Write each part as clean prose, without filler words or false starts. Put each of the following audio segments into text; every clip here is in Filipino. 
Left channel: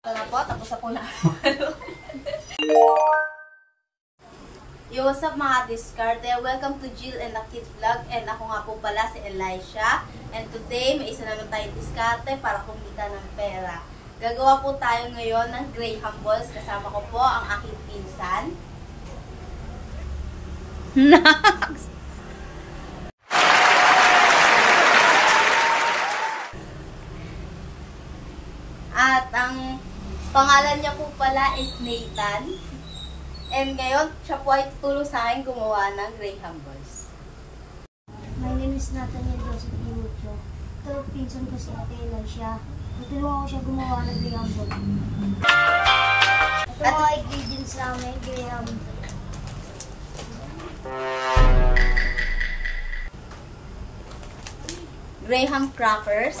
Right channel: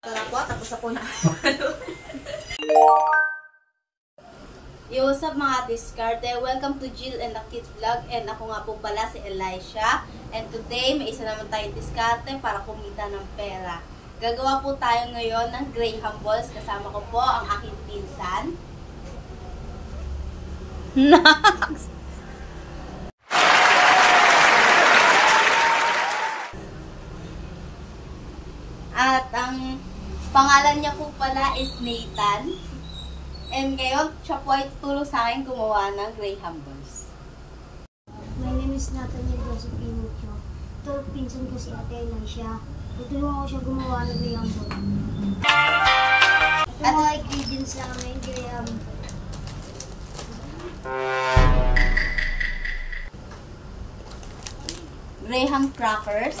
Ito na po, tapos na po na. Yo, what's up mga diskarte? Welcome to Jill and the Kids Vlog. And ako nga po pala si Elisha. And today, may isa naman tayong diskarte para kumita ng pera. Gagawa po tayo ngayon ng Graham balls. Kasama ko po ang aking pinsan. Next! At ang pangalan niya po pala is Nathan. And ngayon, siya po ay tulong sa akin gumawa ng Graham balls. My name is Nathaniel Joseph Inucho. Ito, pinsan ko si Ate Elisha. Tutulungan ko siya gumawa ng Graham ball. Ito mga ingredients namin, Graham. Graham crackers.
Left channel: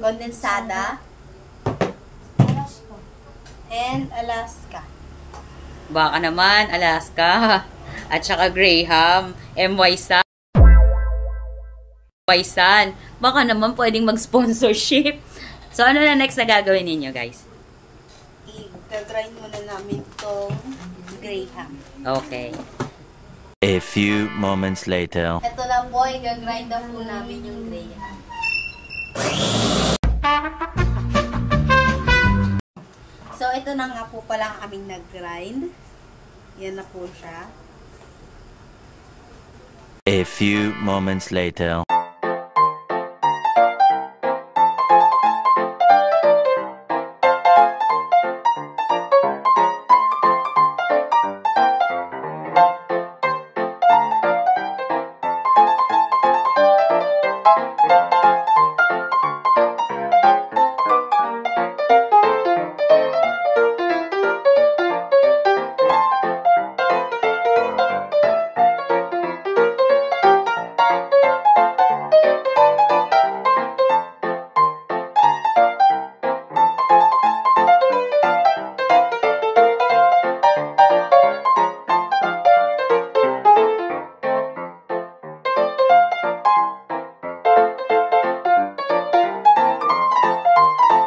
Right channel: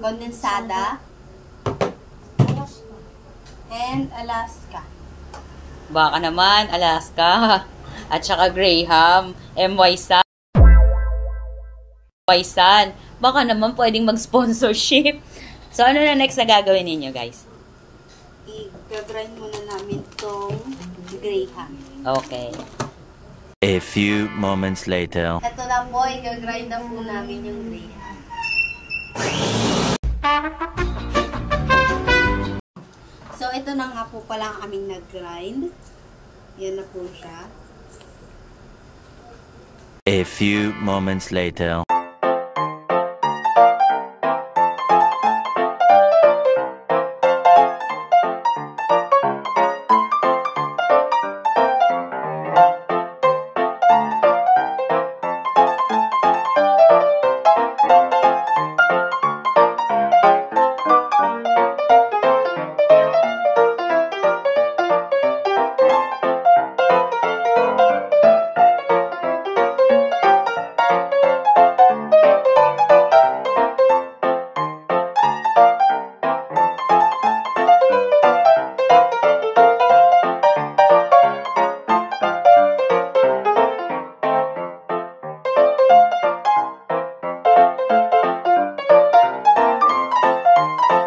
Condensada. Alaska. And Alaska. Baka naman, Alaska. At saka Graham. MY San. Baka naman pwedeng mag-sponsorship. So, ano na next na gagawin ninyo, guys? I-grind muna namin tong Graham. Okay. A few moments later. Ito na po, i-grind na po namin yung Graham. So, ito na nga po pala ang aming nag-grind. Yan na po siya. A few moments later.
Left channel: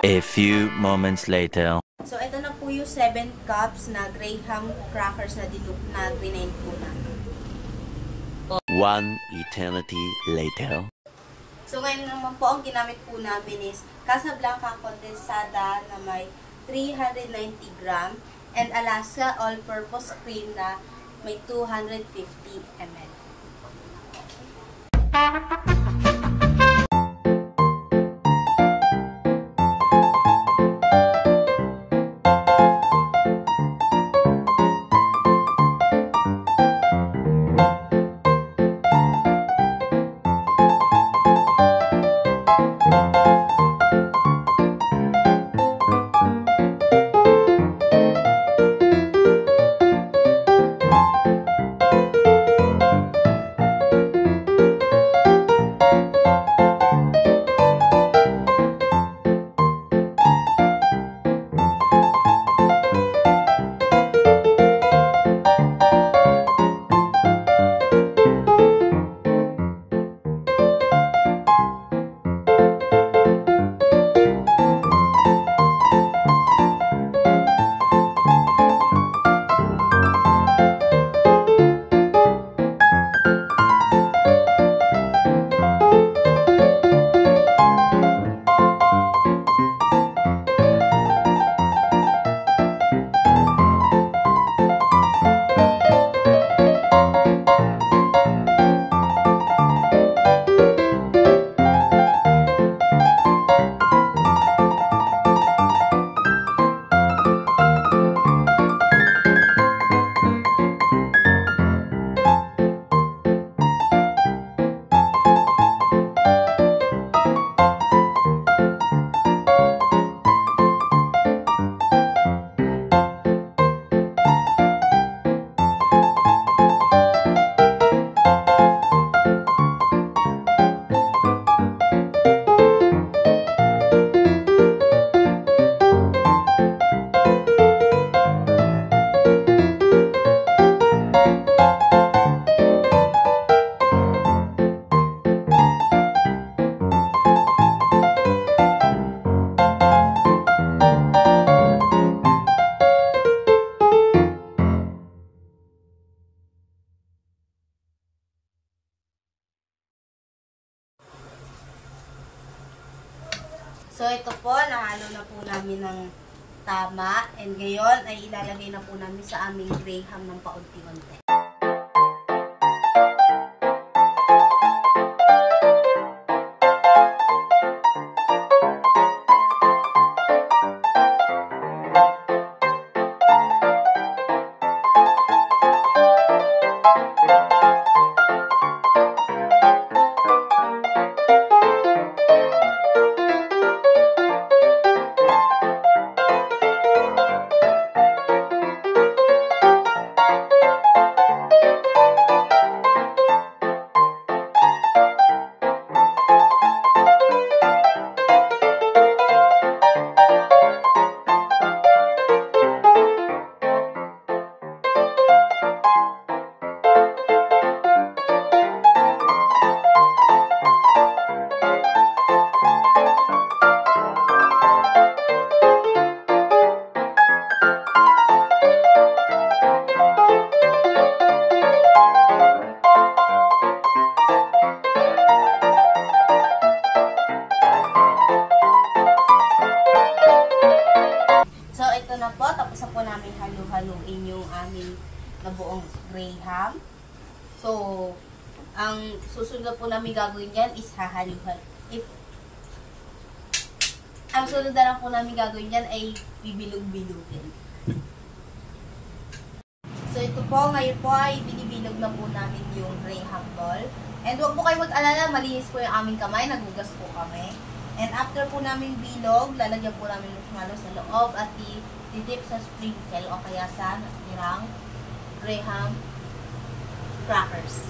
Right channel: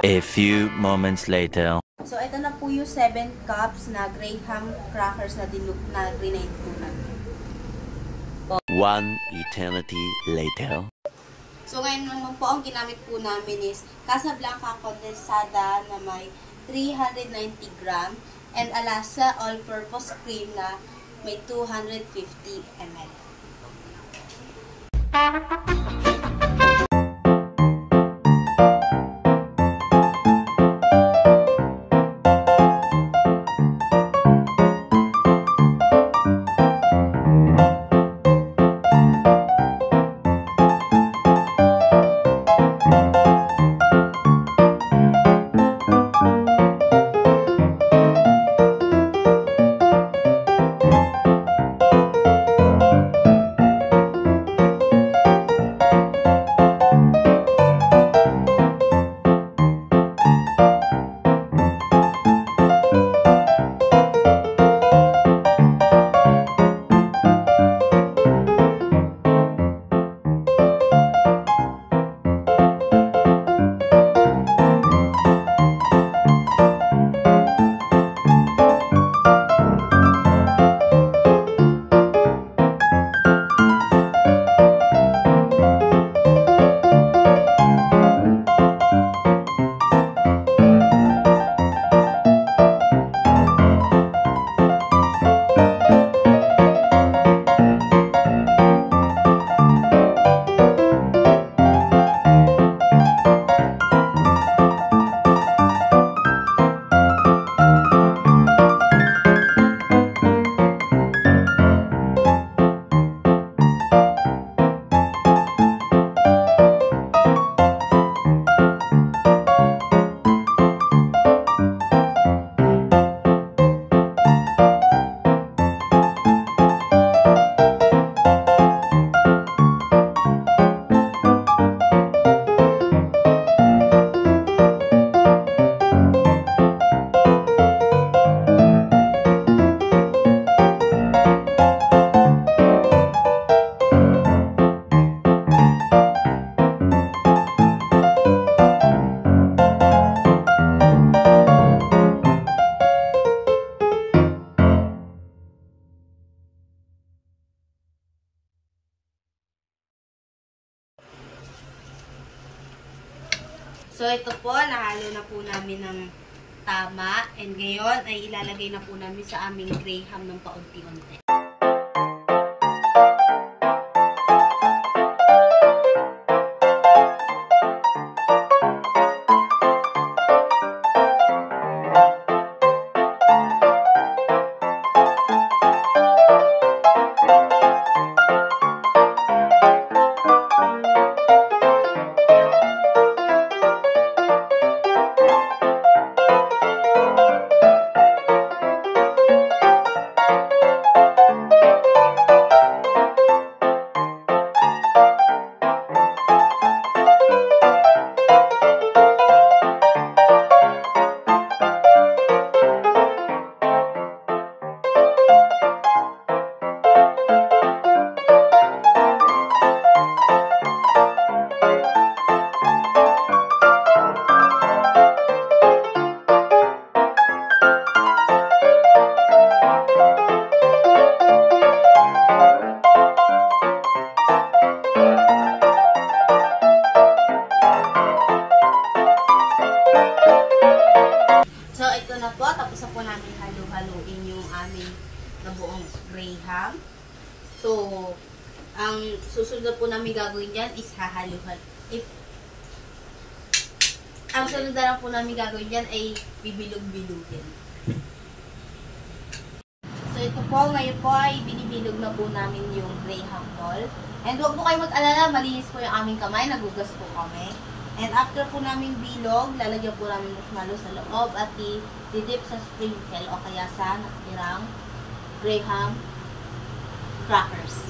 A few moments later. So, ito na po yung 7 cups na Graham crackers na grinend po namin. One eternity later. So, ngayon naman po, ang ginamit po namin is Casablanca condensada na may 390 gram and Alaska all-purpose cream na may 250 ml. So, ito po, nahalo na po namin ng tama. And ngayon, ay ilalagay na po namin sa aming graham ng paunti-unti. Na po, tapos na po namin halu-haluin yung aming nabuong graham. So, ang susunod na po namin gagawin dyan is hahaluhan. Ang sunod na lang po namin gagawin dyan ay bibilog-bilugin. So, ito po, ngayon po ay binibilog na po namin yung graham ball. And huwag po kayo mag-alala, malinis po yung aming kamay, nagugas po kami. And after po namin bilog, lalagyan po namin marshmallow sa loob at didip sa sprinkle o kaya sa natirang graham crackers.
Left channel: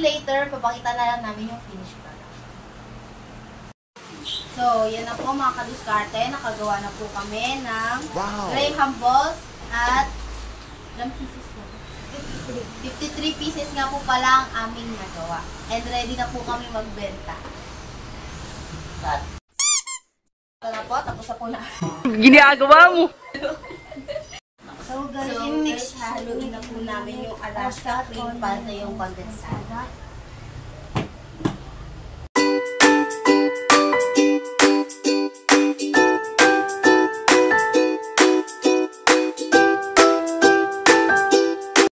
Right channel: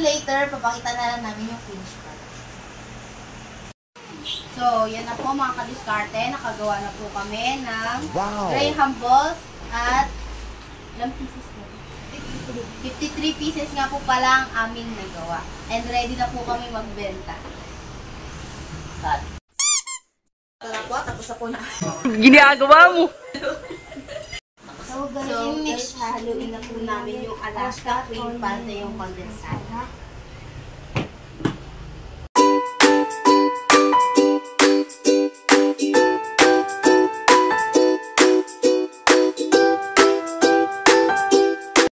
Later, papakita na lang namin yung finish product. So, yan na po mga kadiskarte. Nakagawa na po kami ng graham balls at ilang pieces na? 53 pieces nga po pala ang aming nagawa. And ready na po kami magbenta. Cut. Ito na po, tapos na po na. Ginagawa mo! So, guys, hahaluin na po namin yung Alaska cream para yung condensada.